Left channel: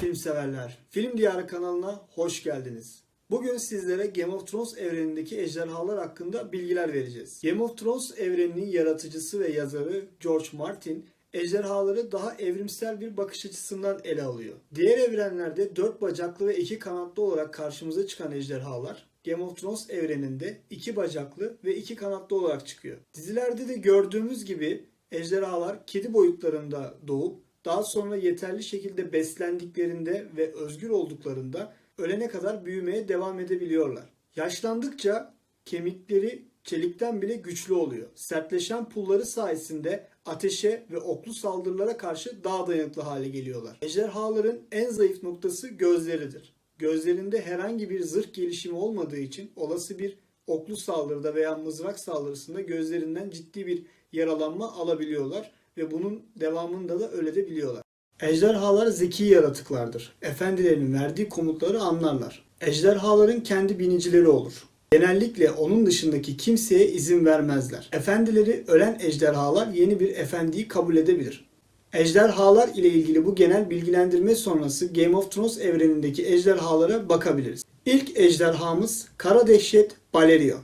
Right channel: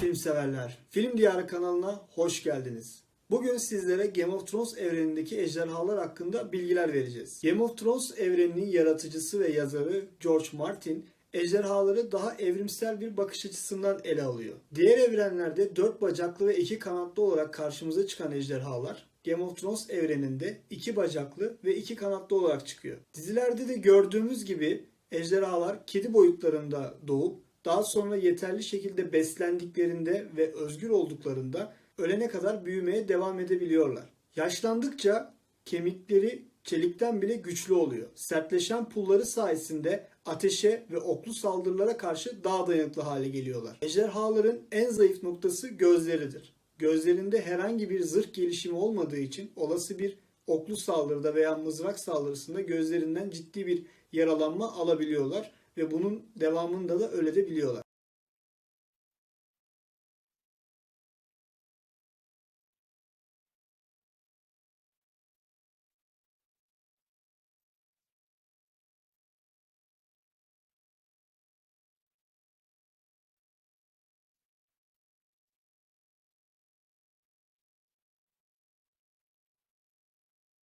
film severler. Film Diyarı kanalına hoş geldiniz. Bugün sizlere Game of Thrones evrenindeki ejderhalar hakkında bilgiler vereceğiz. Game of Thrones evreninin yaratıcısı ve yazarı George Martin ejderhaları daha evrimsel bir bakış açısından ele alıyor. Diğer evrenlerde dört bacaklı ve iki kanatlı olarak karşımıza çıkan ejderhalar Game of Thrones evreninde iki bacaklı ve iki kanatlı olarak çıkıyor. Dizilerde de gördüğümüz gibi ejderhalar kedi boyutlarında doğup daha sonra yeterli şekilde beslendiklerinde ve özgür olduklarında ölene kadar büyümeye devam edebiliyorlar. Yaşlandıkça kemikleri çelikten bile güçlü oluyor. Sertleşen pulları sayesinde ateşe ve oklu saldırılara karşı daha dayanıklı hale geliyorlar. Ejderhaların en zayıf noktası gözleridir. Gözlerinde herhangi bir zırh gelişimi olmadığı için olası bir oklu saldırıda veya mızrak saldırısında gözlerinden ciddi bir yaralanma alabiliyorlar ve bunun devamında da ölebiliyorlar. Ejderhalar zeki yaratıklardır. Efendilerinin verdiği komutları anlarlar. Ejderhaların kendi binicileri olur. Genellikle onun dışındaki kimseye izin vermezler. Efendileri ölen ejderhalar yeni bir efendiyi kabul edebilir. Ejderhalar ile ilgili bu genel bilgilendirme sonrası Game of Thrones evrenindeki ejderhalara bakabiliriz. İlk ejderhamız Kara Dehşet Balerion.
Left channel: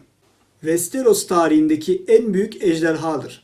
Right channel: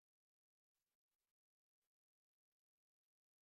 Westeros tarihindeki en büyük ejderhadır.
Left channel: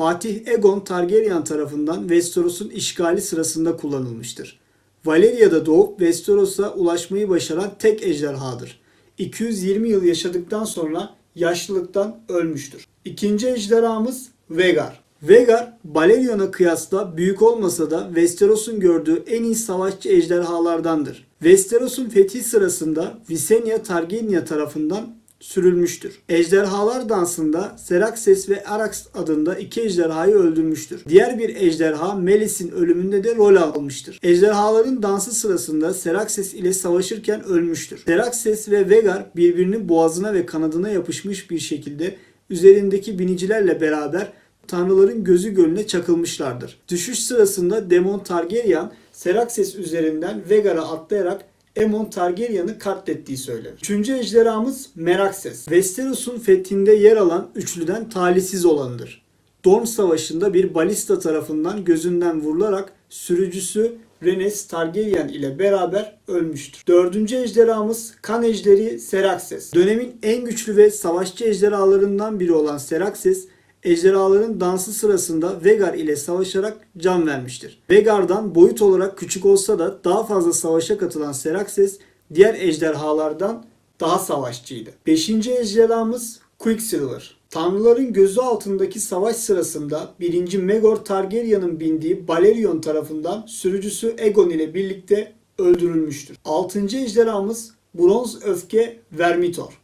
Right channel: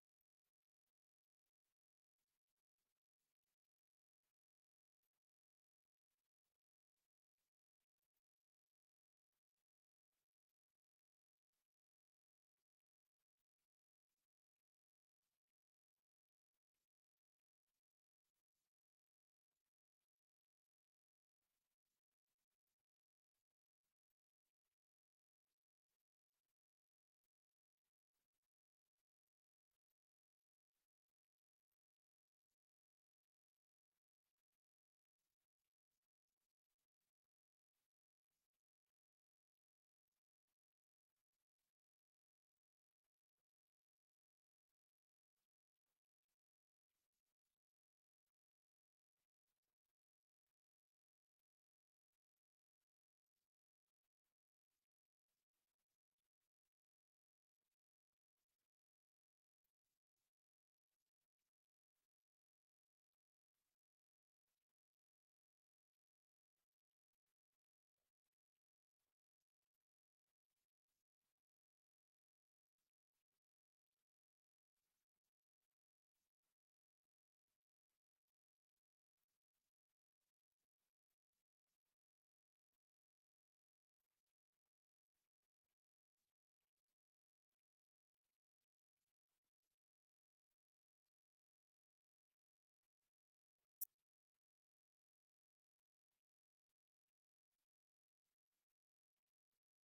Fatih Egon Targaryen tarafından Westeros'un işgali sırasında kullanılmıştır. Valeria'da doğup Westeros'a ulaşmayı başaran tek ejderhadır. 220 yıl yaşadıktan sonra yaşlılıktan ölmüştür. İkinci ejderhamız Vhagar. Vhagar, Balerion'a kıyasla büyük olmasa da Westeros'un gördüğü en iyi savaşçı ejderhalardandır. Westeros'un fethi sırasında Visenya Targaryen tarafından sürülmüştür. Ejderhalar dansında Seraxes ve Arax adında iki ejderhayı öldürmüştür. Diğer bir ejderha Melis'in ölümünde de rol almıştır. Ejderhaların dansı sırasında Seraxes ile savaşırken ölmüştür. Seraxes ve Vhagar birbirinin boğazına ve kanadına yapışmış bir şekilde üzerindeki binicilerle beraber tanrıların gözü gölüne çakılmışlardır. Düşüş sırasında Demon Targaryen Seraxes üzerinden Vhagar'a atlayarak Aemon Targaryen'ı katlettiği söylenir. Üçüncü ejderhamız Meraxes. Westeros'un fethinde yer alan üçlüden talihsiz olanıdır. Dorne Savaşı'nda bir balista tarafından gözünden vurularak sürücüsü Rhaenys Targaryen ile beraber ölmüştür. Dördüncü ejderhamız kan ejderi Seraxes. Dönemin en güçlü ve savaşçı ejderhalarından biri olan Seraxes, ejderhaların dansı sırasında Vhagar ile savaşarak can vermiştir. Vhagar'dan boyut olarak küçük olsa da daha fazla savaşa katılan Seraxes diğer ejderhalardan daha savaşçıydı. Beşinci ejderhamız Quicksilver. Tanrıların gözü altındaki savaş sırasında 1. Megor Targaryen'ın bindiği Balerion tarafından sürücüsü Aegon ile birlikte öldürülmüştür. 6. ejderhamız Bronz Öfke Vermitor.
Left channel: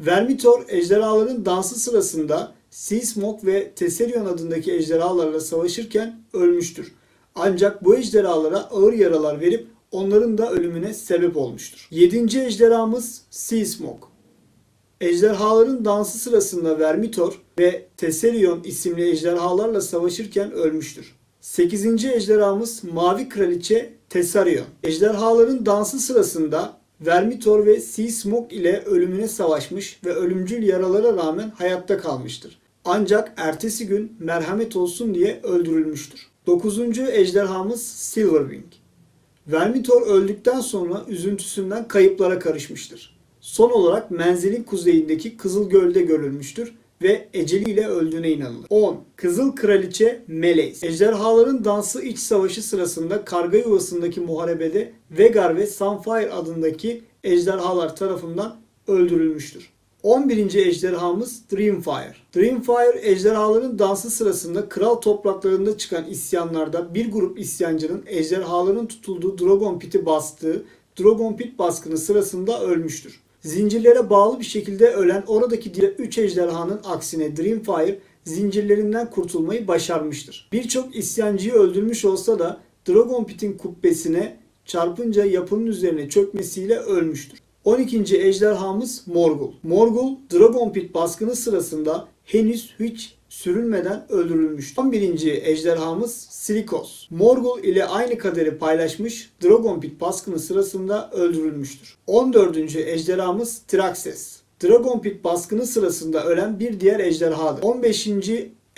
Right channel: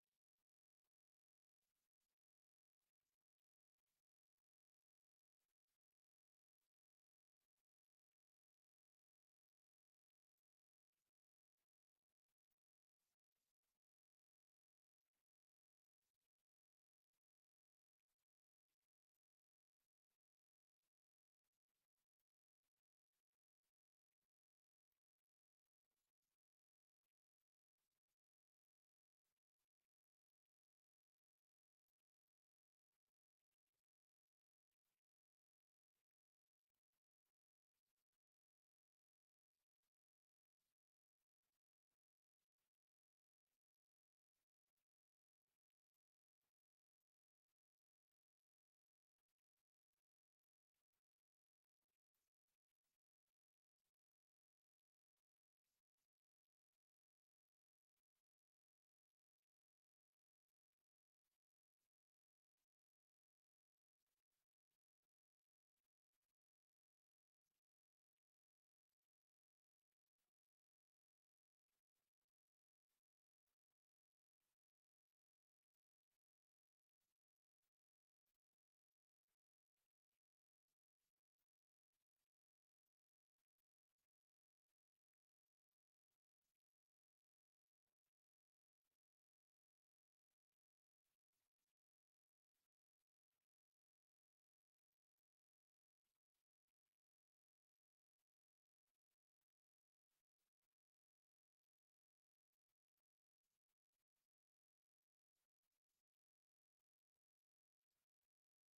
Vermitor ejderhaların dansı sırasında Seasmoke ve Tesserion adındaki ejderhalarla savaşırken ölmüştür. Ancak bu ejderhalara ağır yaralar verip onların da ölümüne sebep olmuştur. 7. ejderhamız Seasmoke. Ejderhaların dansı sırasında Vermitor ve Tesserion isimli ejderhalarla savaşırken ölmüştür. 8. ejderhamız Mavi Kraliçe Tessarion. Ejderhaların dansı sırasında Vermitor ve Seasmoke ile ölümüne savaşmış ve ölümcül yaralara rağmen hayatta kalmıştır. Ancak ertesi gün merhamet olsun diye öldürülmüştür. 9. ejderhamız Silverwing. Vermitor öldükten sonra üzüntüsünden kayıplara karışmıştır. Son olarak menzilin kuzeyindeki Kızıl Göl'de görülmüştür ve eceliyle öldüğüne inanılır. 10. Kızıl Kraliçe Meleys. Ejderhaların dansı iç savaşı sırasında karga yuvasındaki muharebede Vhagar ve Sunfire adındaki ejderhalar tarafından öldürülmüştür. 11. ejderhamız Dreamfire. Dreamfire ejderhaların dansı sırasında kral topraklarında çıkan isyanlarda bir grup isyancının ejderhaların tutulduğu Dragon Pit'i bastığı Dragon Pit baskını sırasında ölmüştür. Zincirlere bağlı bir şekilde ölen oradaki diğer 3 ejderhanın aksine Dreamfire zincirlerinden kurtulmayı başarmıştır. Birçok isyancıyı öldürmüş olsa da Dragon Pit'in kubbesine çarpınca yapının üzerine çökmesiyle ölmüştür. 12. ejderhamız Morgul. Morgul, Dragon Pit baskını sırasında henüz hiç sürülmeden öldürülmüştür. 11. ejderhamız Silikos. Morgul ile aynı kaderi paylaşmış Dragon Pit baskını sırasında öldürülmüştür. 14. ejderhamız Traxes. Dragon Pit baskını sırasında ölen bir diğer ejderhadır. 15.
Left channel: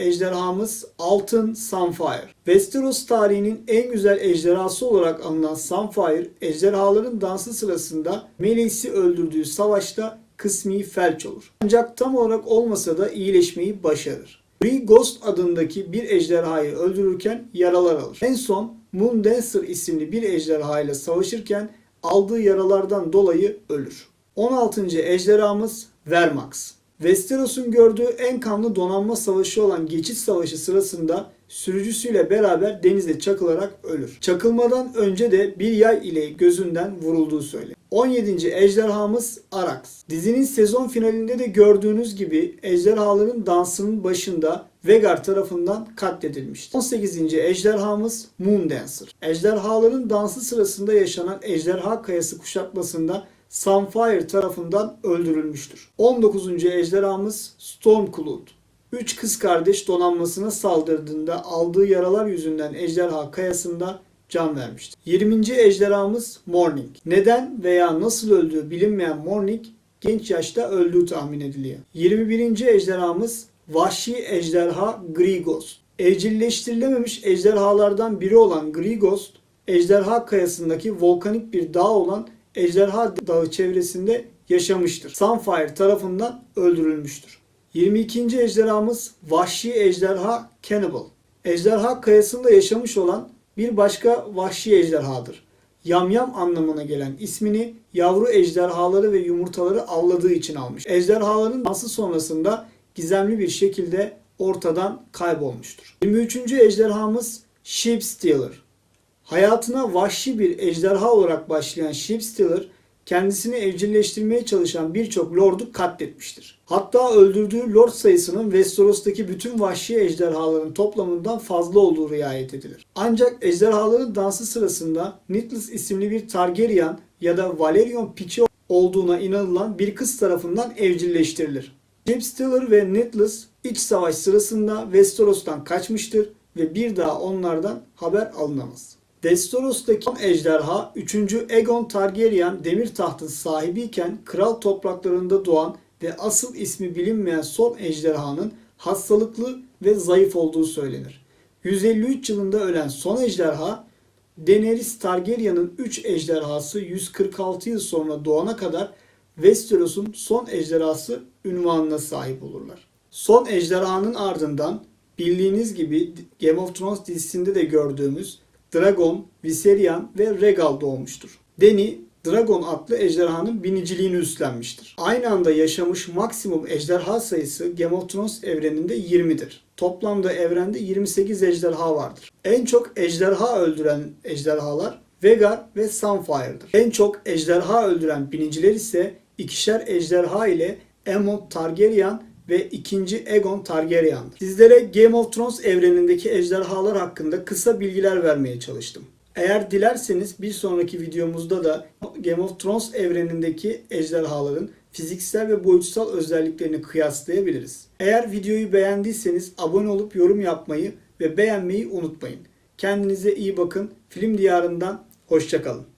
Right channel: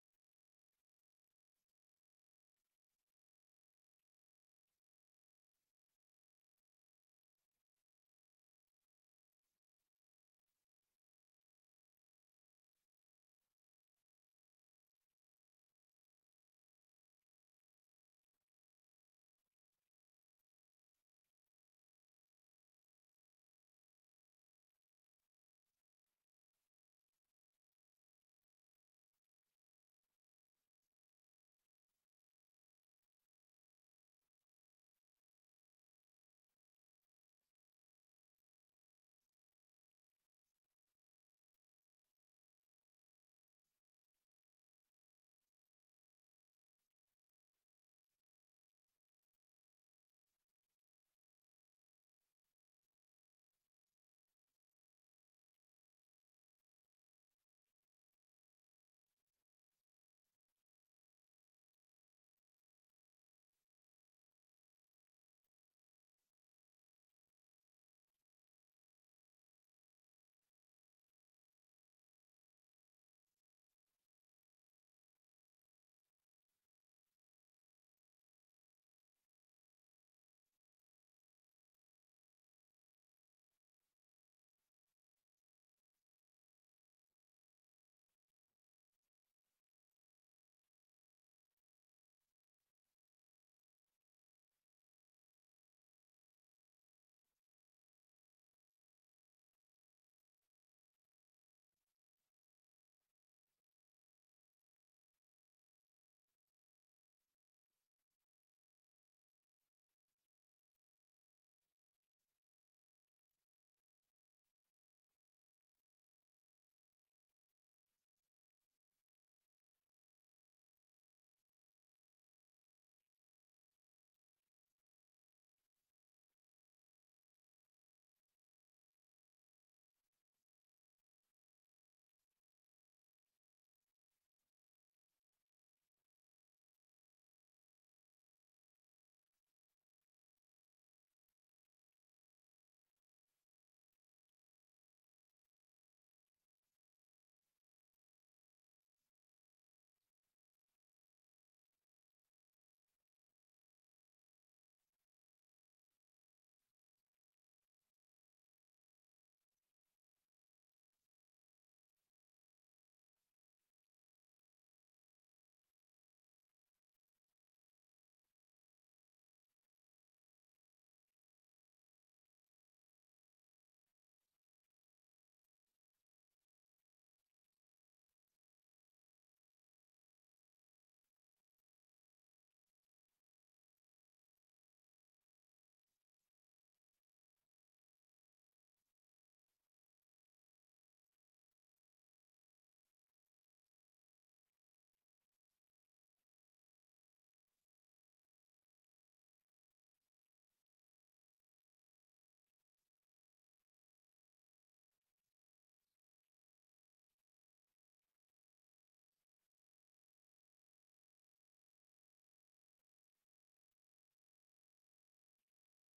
ejderhamız Altın Sunfire. Westeros tarihinin en güzel ejderhası olarak anılan Sunfire, ejderhaların dansı sırasında Meleis'i öldürdüğü savaşta kısmi felç olur. Ancak tam olarak olmasa da iyileşmeyi başarır. Grey Ghost adındaki bir ejderhayı öldürürken yaralar alır. En son Moon Dancer isimli bir ejderha ile savaşırken aldığı yaralardan dolayı ölür. 16. ejderhamız Vermax. Westeros'un gördüğü en kanlı donanma savaşı olan Geçit Savaşı sırasında sürücüsüyle beraber denize çakılarak ölür. Çakılmadan önce de bir yay ile gözünden vurulduğu söylenir. 17. ejderhamız Arax. Dizinin sezon finalinde de gördüğünüz gibi ejderhaların dansının başında Vegar tarafından katledilmiştir. 18. ejderhamız Moon Dancer. Ejderhaların dansı sırasında yaşanan ejderha kayası kuşatmasında Sunfire tarafından öldürülmüştür. 19. ejderhamız Stormcloud. Üç kız kardeş donanmasına saldırdığında aldığı yaralar yüzünden ejderha kayasında can vermiştir. 20. ejderhamız Morning. Neden veya nasıl öldüğü bilinmeyen Morning genç yaşta öldüğü tahmin ediliyor. 21. ejderhamız Vahşi Ejderha Grigos. Evcilleştirilememiş ejderhalardan biri olan Grigos, ejderha kayasındaki volkanik bir dağ olan Ejderha Dağı çevresinde yaşamıştır. Sunfire tarafından öldürülmüştür. 22. ejderhamız Vahşi Ejderha Cannibal. Ejderha kayasında yaşamış olan bir başka vahşi ejderhadır. Yamyam anlamına gelen ismini yavru ejderhaları ve yumurtaları avladığı için almış. Ejderhaların dansı sonrasında gizemli bir şekilde ortadan kaybolmuştur. 23. ejderhamız Sheep Stealer. Hayatına vahşi bir ejderha olarak başlayan Sheepstealer kendisini evcilleştirmeye çalışan birçok lordu katletmiştir. Hatta öldürdüğü lord sayısının Westeros'taki bütün vahşi ejderhaların toplamından fazla olduğu riayet edilir. Ancak ejderhaların dansı sırasında Nitlus isimli bir Targaryen ya da Valerion piçi olduğuna inanılan bir kız tarafından evcilleştirilir. Sheepstealer ve Nitlus iç savaş sırasında Westeros'tan kaçmıştır ve bir daha onlardan haber alınamaz. Westeros'taki son ejderha 3. Aegon Targaryen demir tahtın sahibiyken kral topraklarında doğan ve asıl ismi bilinmeyen son ejderhanın hastalıklı ve zayıf olduğu söylenir. 153 yılında ölen son ejderha Daenerys Targaryen'ın 3 ejderhası 146 yıl sonra doğana kadar Westeros'un son ejderhası ünvanına sahip olurlar. Son ejderhanın ardından bildiğiniz gibi Game of Thrones dizisinde de gördüğümüz Dragon, Viserion ve Regal doğmuştur. Dany, Dragon adlı ejderhanın biniciliğini üstlenmiştir. Aynı anda yaşamış maksimum ejderha sayısı Game of Thrones evreninde 20'dir. Toplamda evrende 28 ejderha vardır. En çok ejderha öldüren ejderhalar Vhagar ve Sunfire'dır. En çok ejderha öldüren biniciler ise ikişer ejderha ile Aemon Targaryen ve 2. Aegon Targaryen'dir. Sizlere Game of Thrones evrenindeki ejderhalar hakkında kısa bilgiler vermeye çalıştım. Eğer dilerseniz bir sonraki videomuzda da Game of Thrones evrenindeki ejderhaların fiziksel ve boyutsal özelliklerini kıyaslayabiliriz. Eğer videoyu beğendiyseniz abone olup yorum yapmayı ve beğenmeyi unutmayın. Kendinize iyi bakın. Film diyarından hoşçakalın.